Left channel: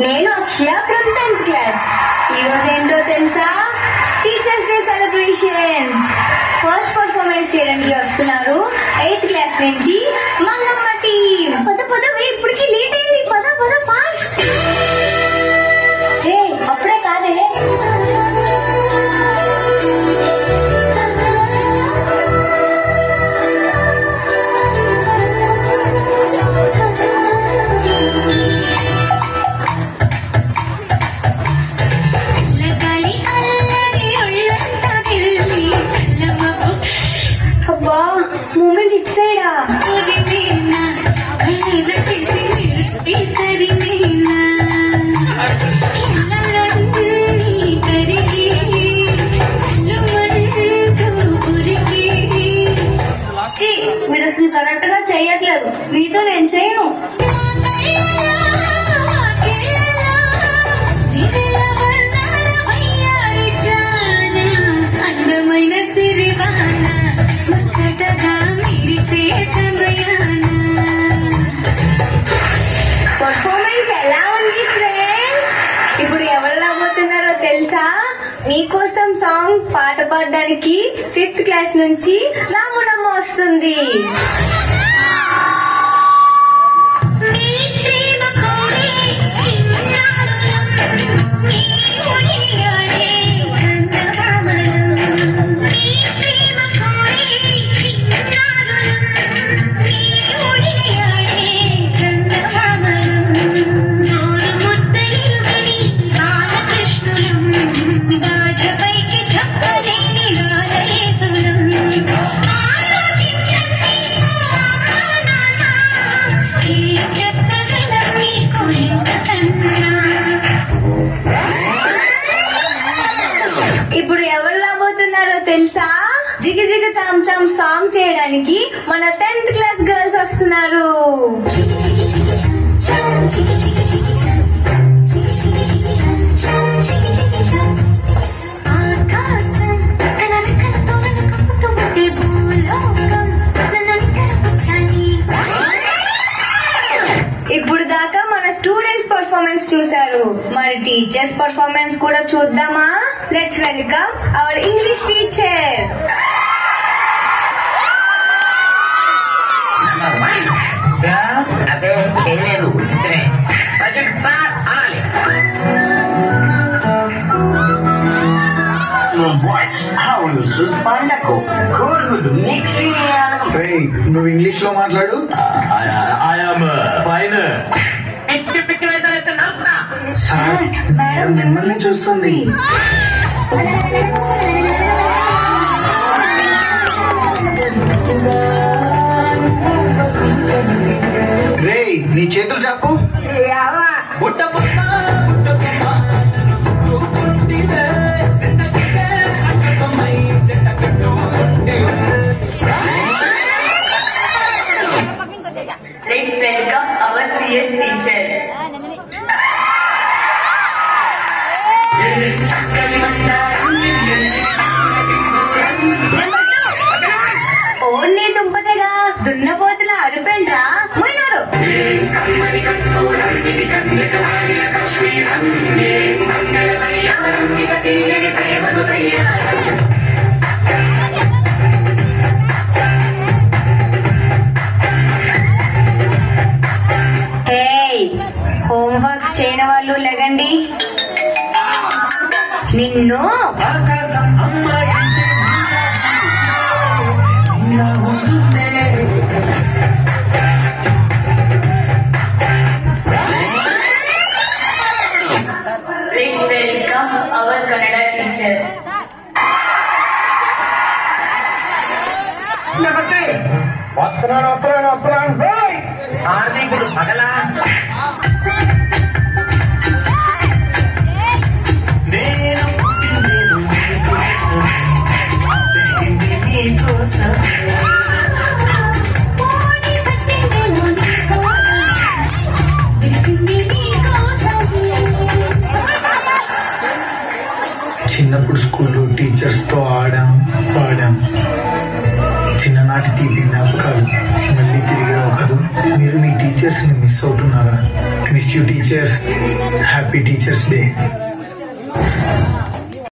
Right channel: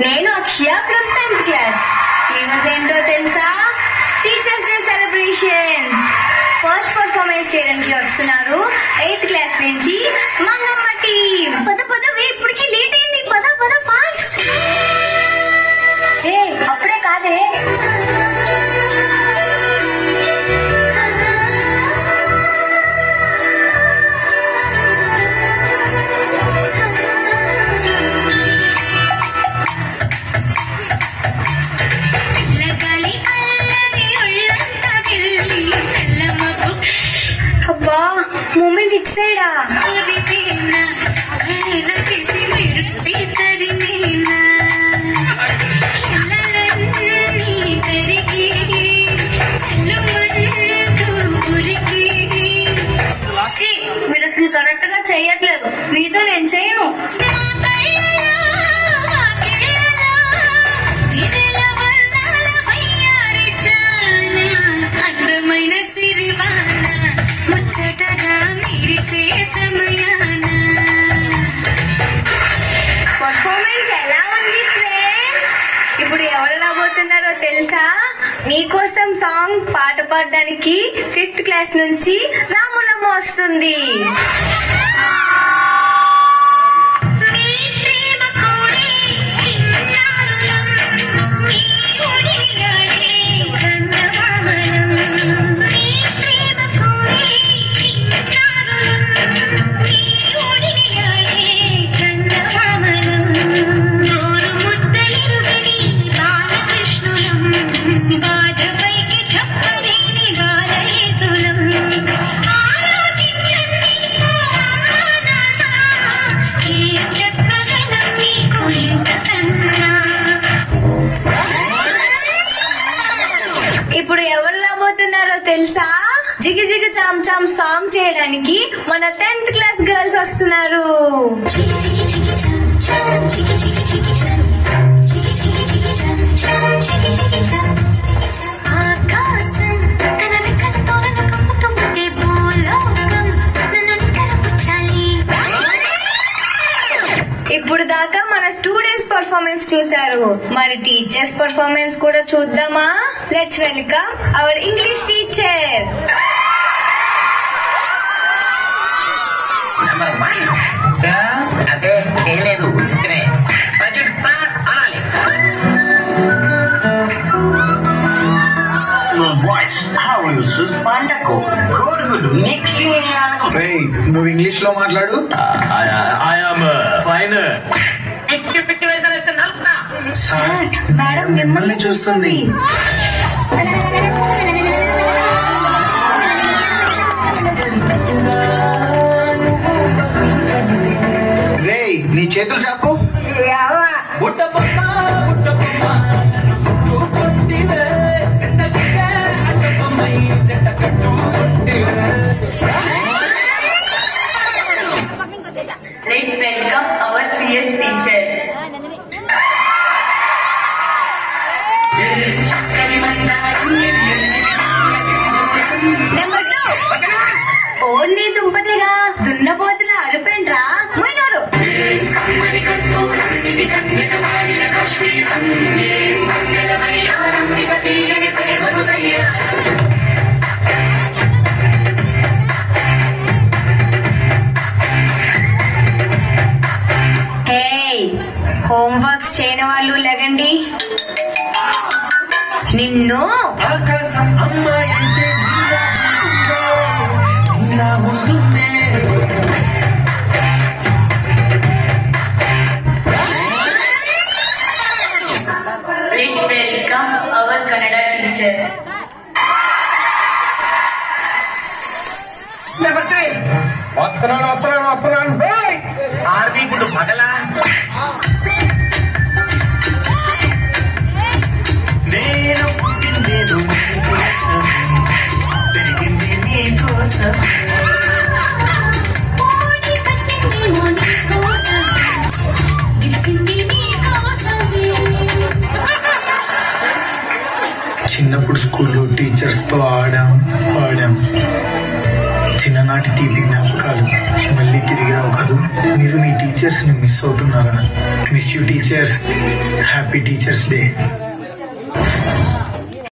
నేను అక్షయ from 10th class. ఈరోజు ఏంటో తెలుసా? Teachers day celebrations. First performance చేయడానికి వస్తున్నారు 8th క్లాస్ నుంచి మంగమ్మ టీమ్. పద ఇప్పటికి లేట్ అయింది. పద ఫాస్ట్. అప్పుడే కాదే. అబ్బా మూమెంట్ ఇట్ సైడా? మీరు అసలు కరెక్ట్ గా చెయ్యట్లేదు. మీతో నేను చేయను. పర్ఫార్మెన్స్ ఎలా ఉంది ఫ్రెండ్స్? ఇప్పుడు ఎవరు రాబోతున్నారో తెలుసా? మీకోసం సాంగ్ పాట పాడడానికి 5th క్లాస్ నుంచి రాములమ్మ వస్తుంది. ఇప్పుడు ఎవరు రాబోతున్నారో తెలుసా? జిగి జిగి చామ్ చామ్ సాంగ్ చేయడానికి మన 10th క్లాస్ గర్ల్స్ వస్తున్నారు. ఇప్పుడు దాకా మన స్టూడెంట్స్ పర్ఫార్మెన్స్ చూశారు. మరి టీచర్స్ పర్ఫార్మెన్స్ కూడా చూద్దామా? Let's welcome our English teacher. అదే ఏం లేదు, నువ్వు ఇంగ్లీష్ లో మాట్లాడు. సార్ మేడం మిమ్మల్ని చూస్తుంది. రేయ్ నీ చేతులు చాపు. Let's welcome our CS teacher. Only దుంపతిగా దున్నపోతులా అరుపేంట్రా పోయినారు. హోంవర్క్స్ చేయని వాళ్ళు లెగండి. నిన్ను ఇప్పుడు పగలా చిన్నప్పుడు స్కూల్లో టీచర్స్ తో ఆడాం పాడాం. చిన్న చిన్ననాటి తీపి జ్ఞాపకాలు మళ్ళీ తిరిగి రావు కాదు. మీరు మీ టీచర్స్ ని మిస్ అవుతున్నారా? Miss you teachers. Happy teachers day.